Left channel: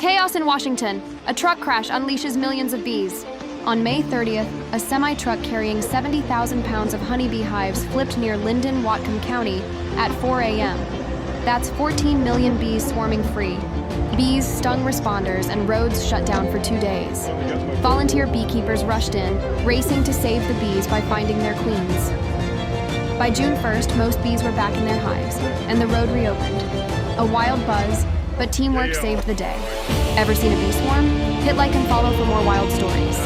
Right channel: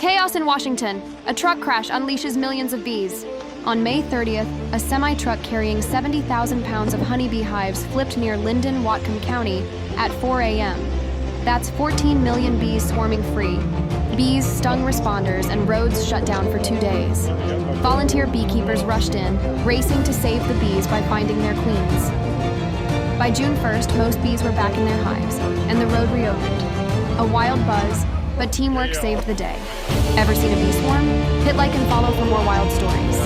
Chaos in Washington. A truck crash unleashes millions of bees. On May 30th, a semi-truck carrying 70,000 pounds of honeybee hives flipped near Linden, Whatcom County at 4 a.m. That's 14 million bees swarming free. Bees stung responders and roads shut down for 2 days. Volunteer beekeepers rushed in, racing to save the bees by finding their queens. By June 1st, most bees were back in their hives, and the road reopened. A wild buzz, but teamwork saved the day. Ever seen a bee swarm? Hit like and follow for more wild stories.